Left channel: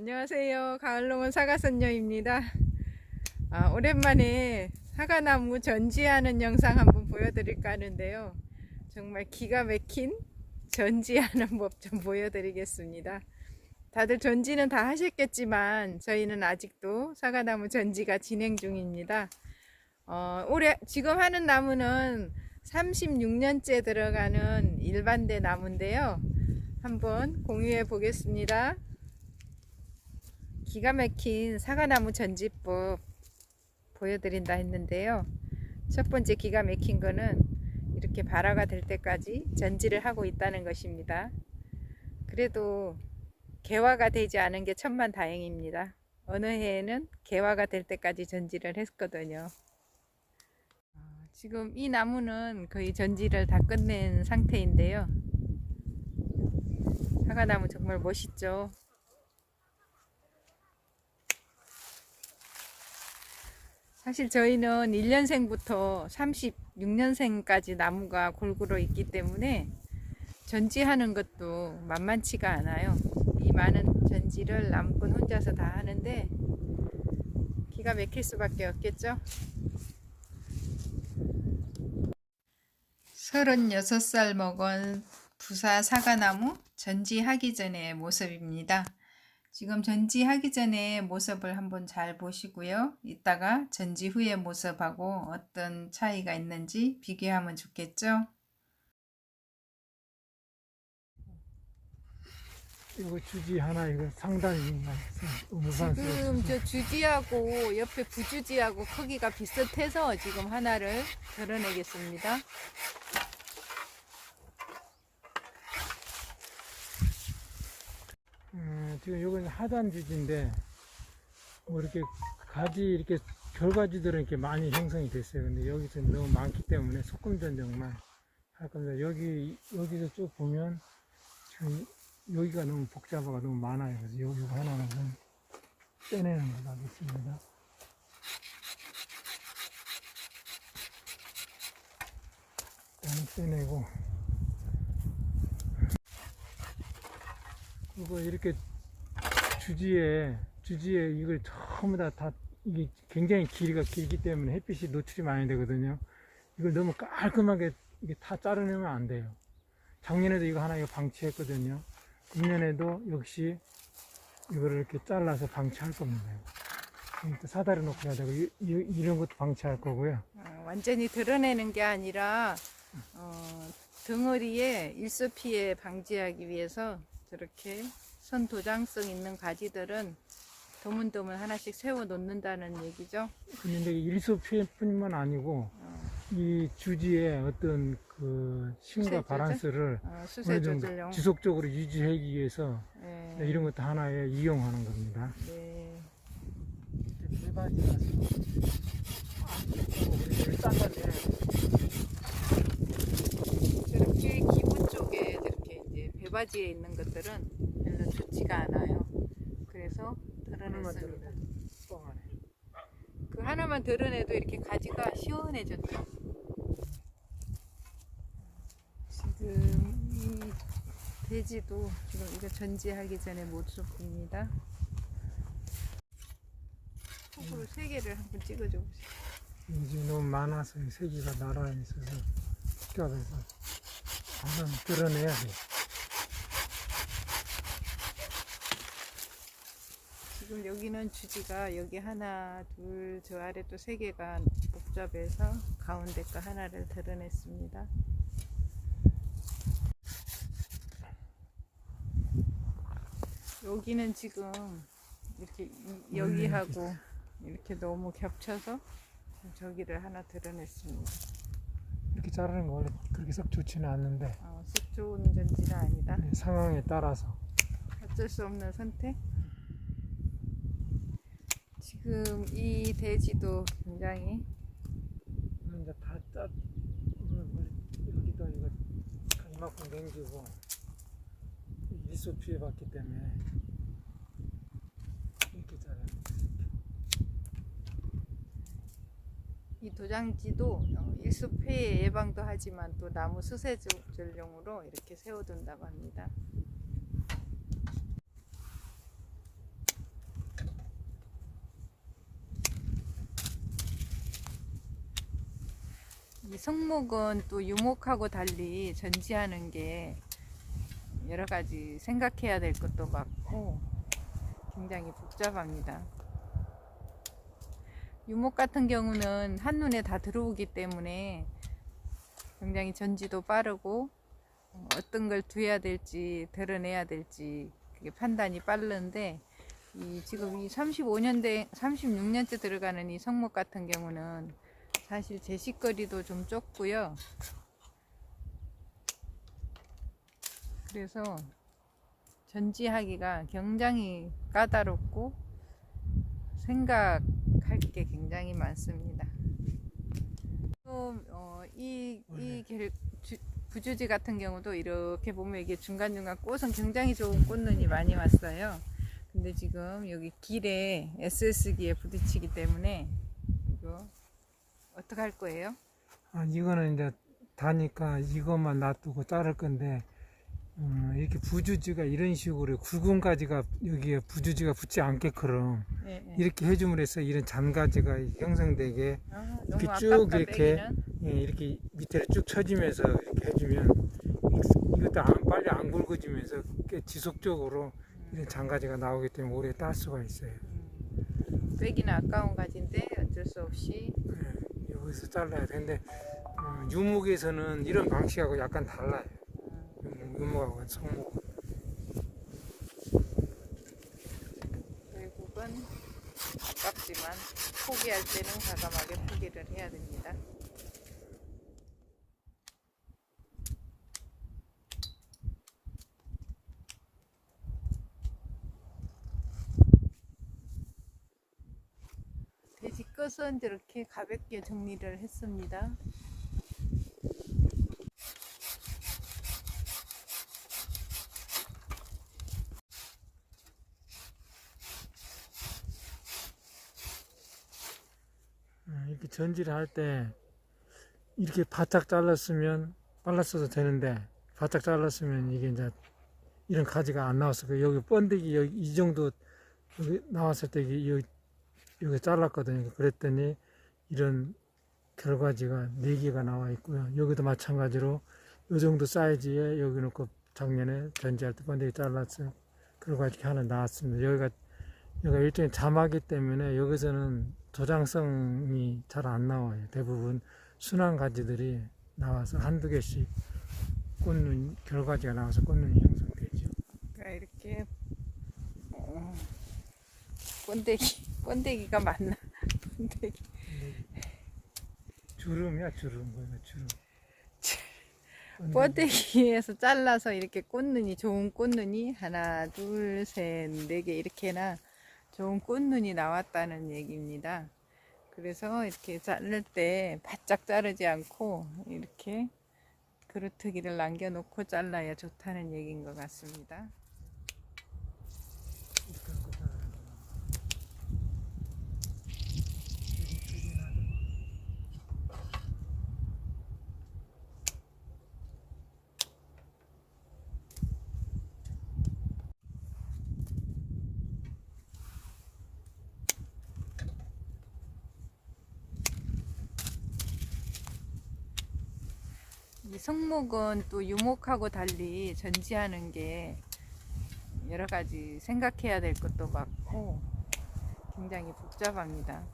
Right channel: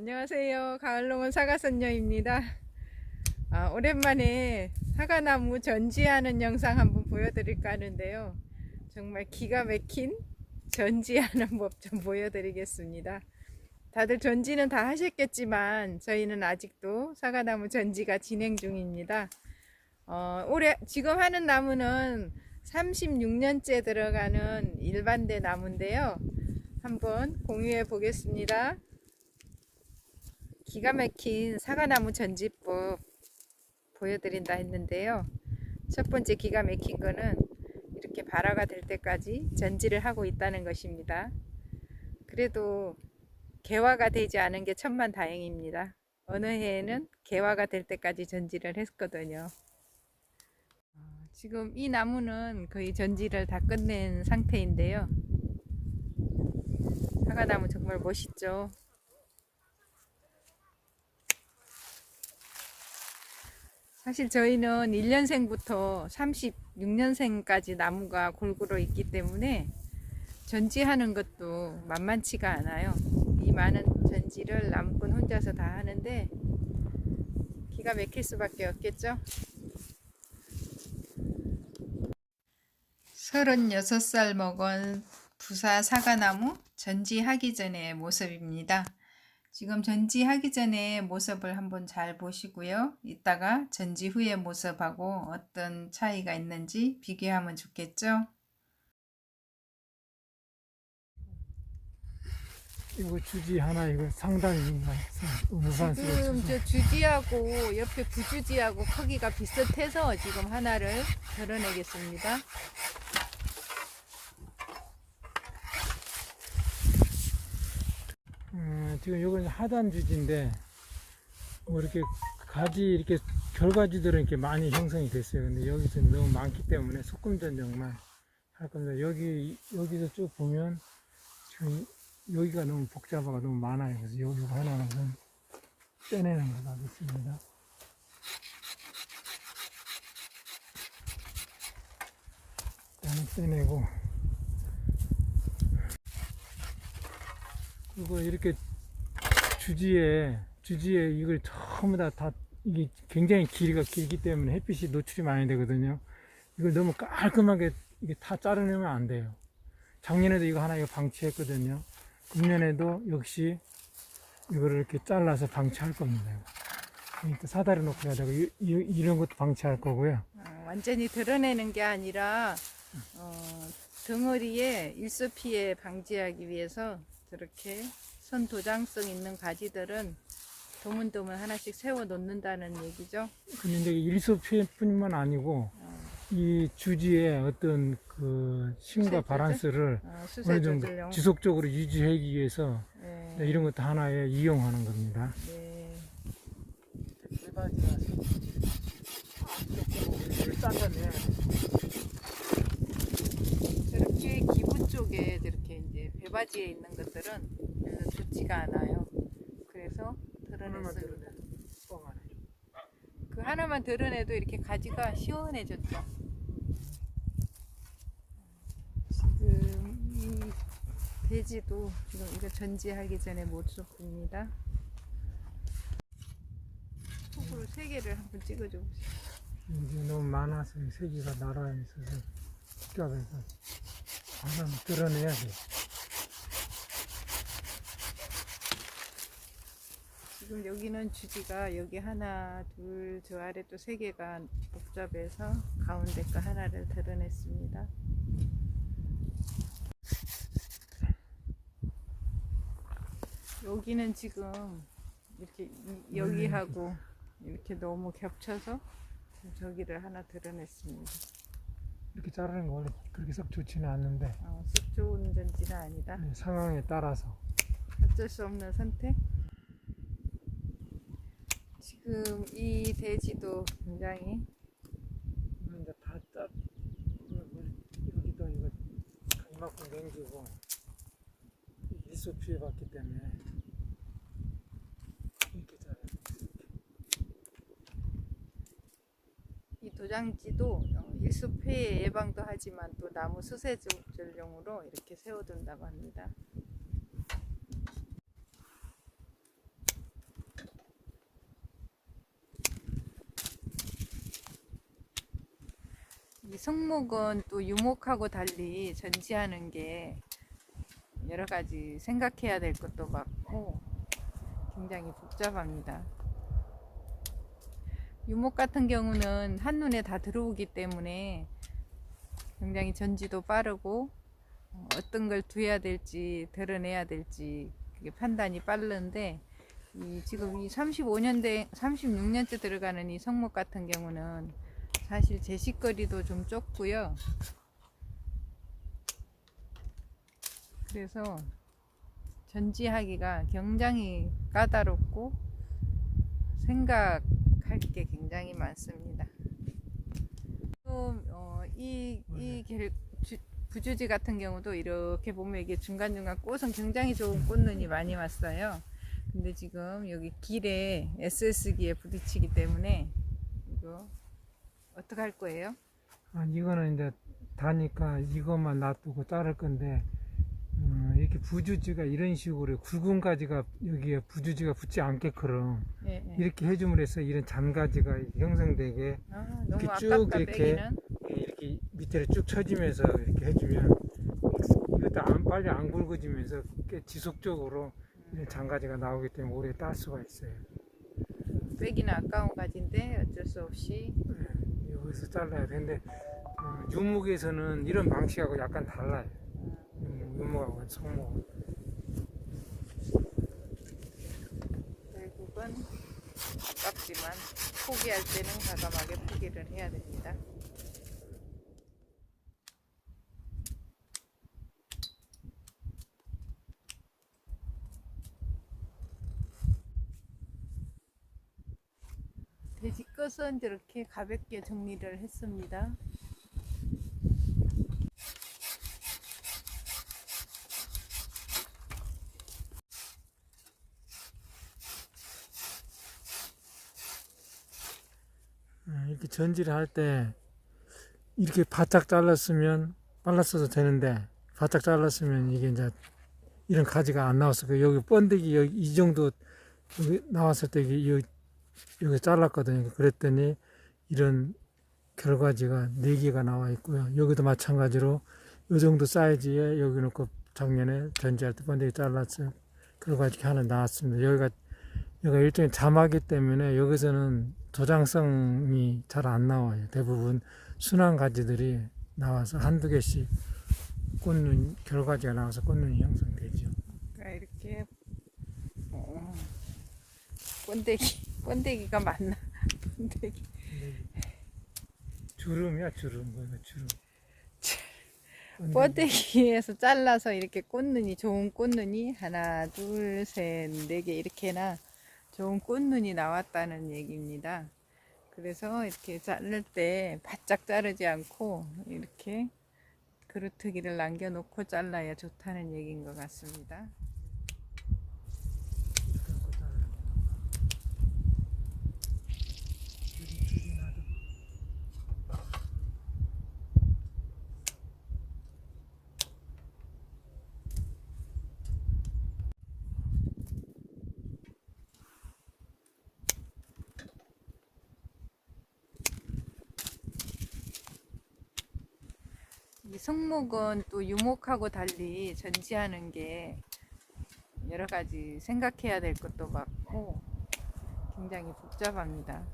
안녕하세요. 가을농원 사과선녀입니다. 아, 오랜만에 사과나무 전지하는 영상 한번 보여드릴까 하는데요. 정말 기가 막힌 전지하는 법 좀 보여드리겠습니다. 다들 전지는 다 하셨겠지만 저희는 아직도 사과나무 전지가 진행 중입니다. 어, 올해 지금 하는 나무는 36년째 들어가는 일반대 나무인데요. 한번 공유해 보겠습니다. 기가 막힌 사과나무 전지법 보여드린다 했는데요. 첫 번째 기가 막힌 거는 이렇게 발화가 될 때까지 전지를 하고 있다는 것입니다. 그래도 개화가 되지 않은 게 천만 다행입니다. 어느 해에는 개화가 될 때까지 전지를 했거든요. 아, 지금 이 나무는 거의 전지를 다 끝낸 상태인데요. 사과나무 정말 멋있죠. 사실 저희는 1년생부터 36년생까지 나무가 골고루 있기 때문에 전지하는 것도 만만치가 않아요. 이 많은 전지를 나무꾼 혼자서 다 하는데 기가 막힐 수밖에 없겠죠. 36살 먹은 부사 사과나무 전지하기 전의 모습입니다. 지금 전지하기 전에 모습을 한번 잘 보시고요. 이따가 전지 후의 모습하고 어떤 차이가 있는지 비교하면 좋겠죠. 이거 주지 하나 이거 상당히 우산스러워. 지금 저 주지하고 옆에 부주지하고 크기가 비슷해서 지금 하나를 드러내겠습니다. 음, 지금 이건 하단 주지인데 뭐 이렇게 가지 이렇게 결과지들은 이렇게 많이 형성이 됐어요. 근데 여기서 너무 많기 때문에 소금 전정만 할 겁니다. 여기 여기서 쭉 보면 지금 여기가 너무 복잡하고 너무 많아요. 그래서 여기 하나는 좀 떼내는 걸로 하겠습니다. 떼내고 이거 이렇게 주지에 주지에 이걸 전부 다, 다 이게 굉장히 길이가 길기 때문에 햇빛이 노출이 많이 되거든요. 이걸 너무 깔끔하게 이게 다 자르내면 안 돼요. 작년에도 이거 하나 이거 방치했거든요. 금년에도 역시 이거를 이렇게 잘라서 방치할 겁니다. 사다리 놓고 되고 이, 이, 이 런 것도 방치할 거고요. 어, 완전히 드러내는 게 아니라 어, 등허리에 일소 피해 방지하기 위해서 저렇게 선 도장성 있는 가지들은 도문도문 하나씩 세워 놓는다는 얘기죠. 근데 이제 일소 피해뿐만 아니고 어, 이 주지의 어떤 그 힘과 수세 바란스를 어, 어느 수세 정도 조절용. 지속적으로 유지하기 위해서 네, 이런 것도 하나의 이용하는 겁니다. 네 기부 쪽에 배바지에 있는 것들은 별로 좋지가 않아요. 그래서 드러냈습니다. 그 하나만 드러내도 이렇게 가지가 시원해졌죠. 지금 이 돼지도 지금 이거 전지하기 전에 모습입니다. 톡으로 세 개를 한번 찍어줘 보세요. 이제 너무 많아서 이 세기가 날아 있어서 복잡해서 한번 드러내야 돼. 지금 여기는 주지가 여기 하나, 둘, 저 아래 또 세 개가 복잡해서 가운데 거 하나를 드러냈습니다. 여기는 지금 이렇게 이- 여기하고 이렇게 너무 겹쳐서 저기를 하나 드러냈습니다. 이렇게 자르는 거 원래 그렇게 썩 좋지는 않는데 어, 쑥 좋은 전지는 아니다. 네, 상황에 따라서 어쩔 수 없는 선택. 지금 이 돼지도 굉장히 이제 다 짜, 뭐 여기도 이거 이만큼 남기고 일소 피해 봤기 때문에 이렇게. 이렇게. 이 도장지도 어, 일수폐 예방도 하지만 또 나무 수세 조절용으로 이렇게 세워둔다고 합니다. 이 성목은 또 유목하고 달리 전지하는 게 여러 가지 생각해야 될 것도 많고 굉장히 복잡합니다. 유목 같은 경우는 한눈에 다 들어오기 때문에 굉장히 전지도 빠르고 어, 어떤 걸 두어야 될지 드러내야 될지 그게 판단이 빠른데 이 지금 이 35년 대 36년째 들어가는 이 성목 같은 경우는 사실 제식거리도 좀 좁고요. 그래서 전지하기가 굉장히 까다롭고 생각할 게 굉장히 많습니다. 또, 어, 이, 주- 부주지 같은 경우도 이렇게 보면 이게 중간중간 꽃은 굉장히 좋은 꽃눈이 많이 왔어요. 근데 지금 여기 길에 SS기에 부딪히기 때문에 이거 어떻게 할 거예요? 아, 이거는 이제 다니까 이것만 놔두고 자를 건데 음, 이렇게 부주지가 이런 식으로 굵은가지가 여기에 부주지가 붙지 않게끔 예, 예. 이렇게 해줌으로 해서 이런 잔가지가 형성되게 아, 이렇게 쭉 이렇게. 예, 이렇게 밑에 쭉 쳐지면서 이렇게 해주면 이것도 안, 빨리 안 굵어지면서 꽤 지속적으로 이런 잔가지가 나오기 때문에 오래 딸 수가 있어요. 빼기는 아까운 가지인데 어쩔 수 없이 예, 여기서 잘라야 되는데 음, 유목에서는 이런 방식하고 약간 달라요. 음, 유목하고 성목. 결국은 아깝지만 포기할 때는 과감하게 포기를 해야 됩니다. 돼지 끝은 이렇게 가볍게 정리를 했습니다. 음, 이렇게 전지를 할 때 이렇게 바짝 잘랐으면 잘랐어도 되는데 바짝 잘랐으면 이게 이제 이런 가지가 안 나왔을 거예요. 여기 번데기 여기 이 정도 나왔을 때 여기, 여기, 잘랐거든요. 그랬더니 이런 결과지가 네 개가 나와 있고요. 여기도 마찬가지로 이 정도 사이즈에 여기 놓고 작년에 전지할 때 번데기 잘랐어요. 결과지 하나 나왔습니다. 여기가 여기가 일종의 자마기 때문에 여기서는 도장성이 잘 안 나와요. 대부분 순한 가지들이 나와서 한두 개씩 꽃눈, 결과지가 나와서 꽃눈이 형성되죠. 그러니까 이렇게 어, 번데기 번데기가 맞나? 번데기 주름이야, 주름. 뭐야, 주름. 번데기에서 잘라서 이렇게 꽃눈이 좋은 꽃눈이 하나 둘 셋 네 개 이렇게나 좋은 꽃눈이 나왔다는 얘기입니다. 그래서 이렇게 자를 때 바짝 자르지 않고 이렇게 그루트기를 남겨놓고 잘라야 좋다는 얘기인 것 같습니다. 이렇게 놓고 자르는 거. 여기 두개 놔둬. 이 성목은 또 유목하고 달리 전지하는 게 여러 가지 생각해야 될 것도 많고 굉장히 복잡합니다.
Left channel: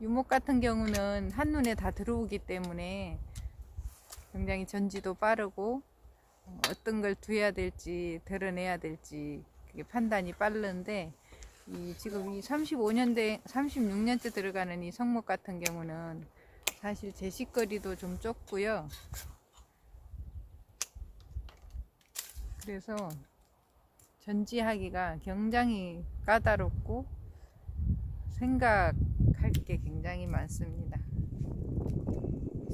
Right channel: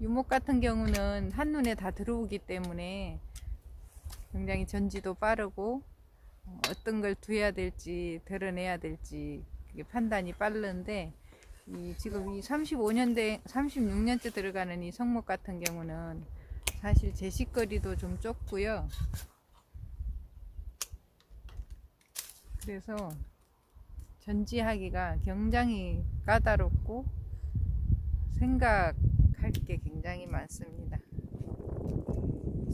유목 같은 경우는 한눈에 다 들어오기 때문에 굉장히 전지도 빠르고 어, 어떤 걸 두어야 될지 드러내야 될지 그게 판단이 빠른데 이 지금 이 35년 대 36년째 들어가는 이 성목 같은 경우는 사실 제식거리도 좀 좁고요. 그래서 전지하기가 굉장히 까다롭고 생각할 게 굉장히 많습니다.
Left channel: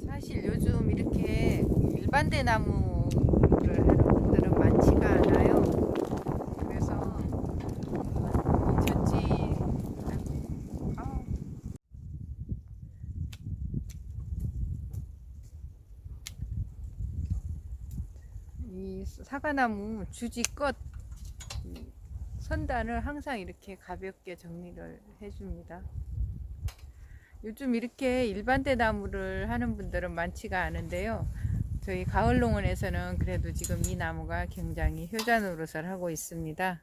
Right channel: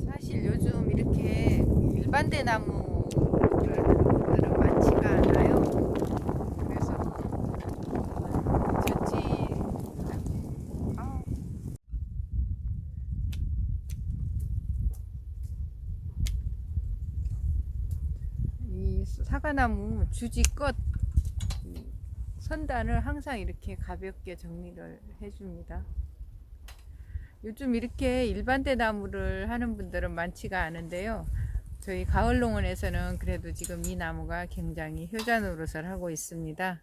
사실 요즘 이렇게 일반 대 나무를 하는 분들은 많지가 않아요. 그래서 이 전지 아, 이 사과나무 주지 끝이 선단을 항상 이렇게 가볍게 정리를 해줍니다. 요즘 이렇게 일반대 나무를 하는 분들은 많지가 않은데요. 저희 가을 농원에서는 그래도 지금 이 나무가 굉장히 효자 노릇을 하고 있습니다.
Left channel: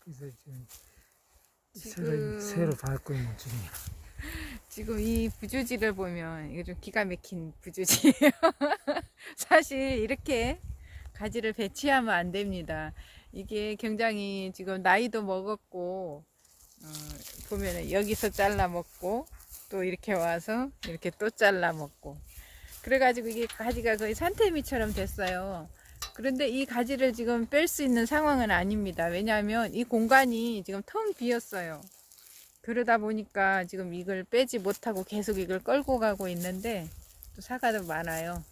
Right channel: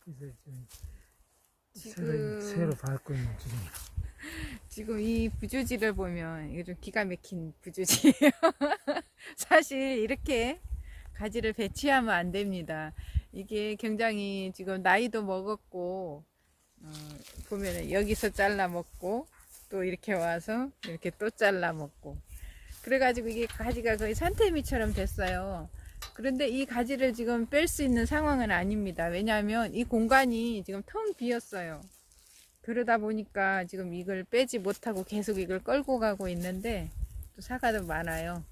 그래서 지금 지금- 새로, 새로 밟고 있는 중이에요. 지금 이 부주지를 보면 이거 좀 기가 막힌 부주지예요. 사실 이렇게 가지를 배치하면 안 됩니다. 이게 굉장히 지금 나이도 먹었고 어, 보면은 여기서 잘라 먹고 또 이렇게 와서 이렇게 또 잘라 먹고 그래가지고 이게 가지가 거의 산태미처럼 됐어요. 그런데 이 가지를 지금 뺄 수 있는 상황은 아닙니다. 왜냐하면 이 공간이 지금 텅 비었어요. 그러다 보니까 지금 이걸 빼지 못하고 계속 이걸 끌고 가고 있는데 또 사과도 많아요.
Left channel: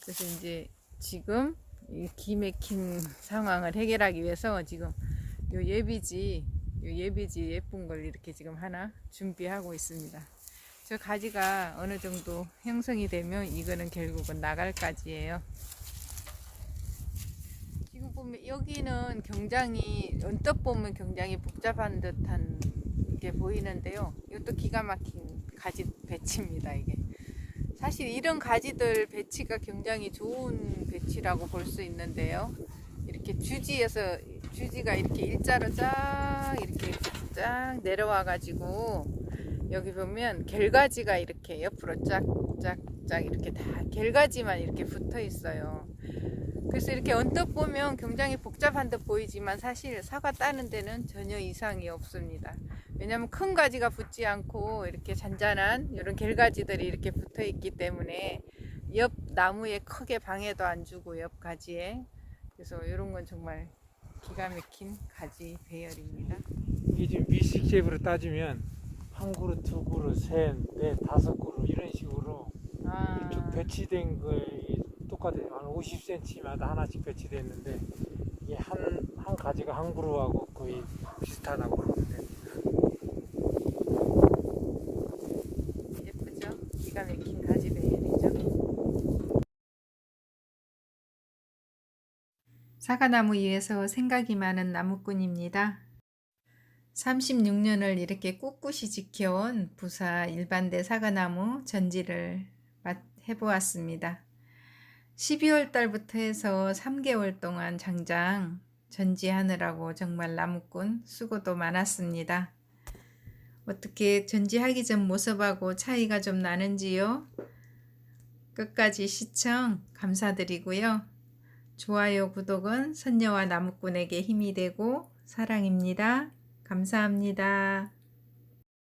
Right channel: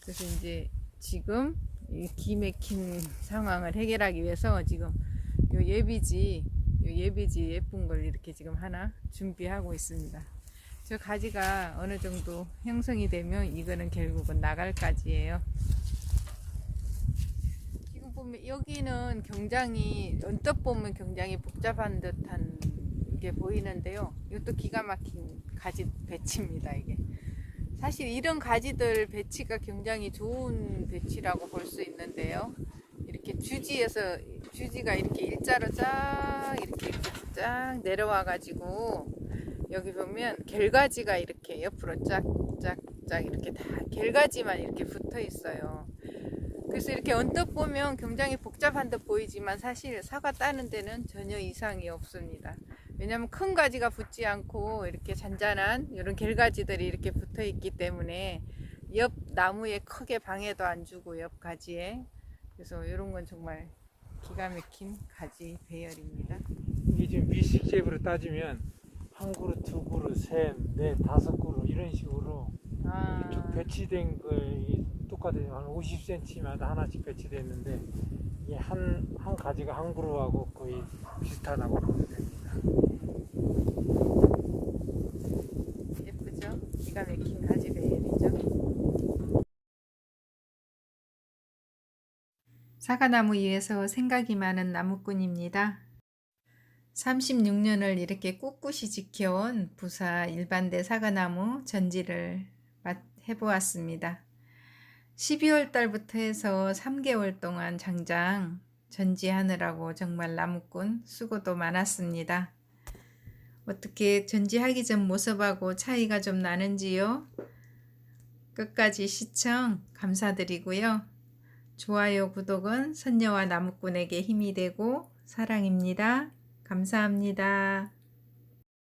그래서 이제 지금 이 기맥힌 상황을 해결하기 위해서 지금 요 예비지, 요 예비지 예쁜 걸 이렇게 지금 하나 준비하고 있습니다. 저 가지가 어느 정도 형성이 되면 이거는 결국은 나갈 가지예요. 지금 보면 여기는 굉장히 언뜻 보면 굉장히 복잡한 듯한 게 보이는데요. 이것도 기가 막힌 가지 배치입니다. 이게 사실 이런 가지들 배치가 굉장히 좋은 배치라고 볼 수 있는데요. 이렇게 주지에서 주지가 이렇게 일자로 쫙 이렇게 이렇게 쫙 내려와 가지고 여기 보면 결가지가 이렇게 옆으로 쫙쫙쫙 이렇게 다 결가지만 이렇게 붙어 있어요. 그래서 이렇게 언뜻 보면 굉장히 복잡한 듯 보이지만 사실 사과 따는 데는 전혀 이상이 없습니다. 왜냐하면 큰 가지가 붙지 않고 이렇게 잔잔한 이런 결가지들이 이렇게 붙어 있기 때문에 옆 나무에 크게 방해도 안 주고 옆 가지에 그래서 이런 건 정말 기가 막힌 가지 배열입니다. 이게 지금 미식집으로 따지면 한 그루, 두 그루, 셋, 넷, 다섯 그루 이런 식으로 아, 이렇게 배치된 걸 똑같아요. 한 50cm마다 하나씩 배치되어 있는데 이게 한, 한 가지가 한 그루하고 거의 비슷하다고 보면 됩니다. 기가 막힌 가지 배열이죠. 사과나무 위에서 생각이 많은 나무꾼입니다. 36년을 이렇게 꿋꿋이 지켜온 부사 일반대 사과나무 전지를 맛- 해보았습니다. 12월 달부터 해서 3개월 동안 장장 전지하느라고 정말 나무꾼 수고도 많았습니다. 어떻게 전지하기 전 모습하고 차이가 좀 나는지요? 끝까지 시청 감사드리고요. 좋아요, 구독은 선녀와 나무꾼에게 힘이 되고 사랑입니다. 감사합니다.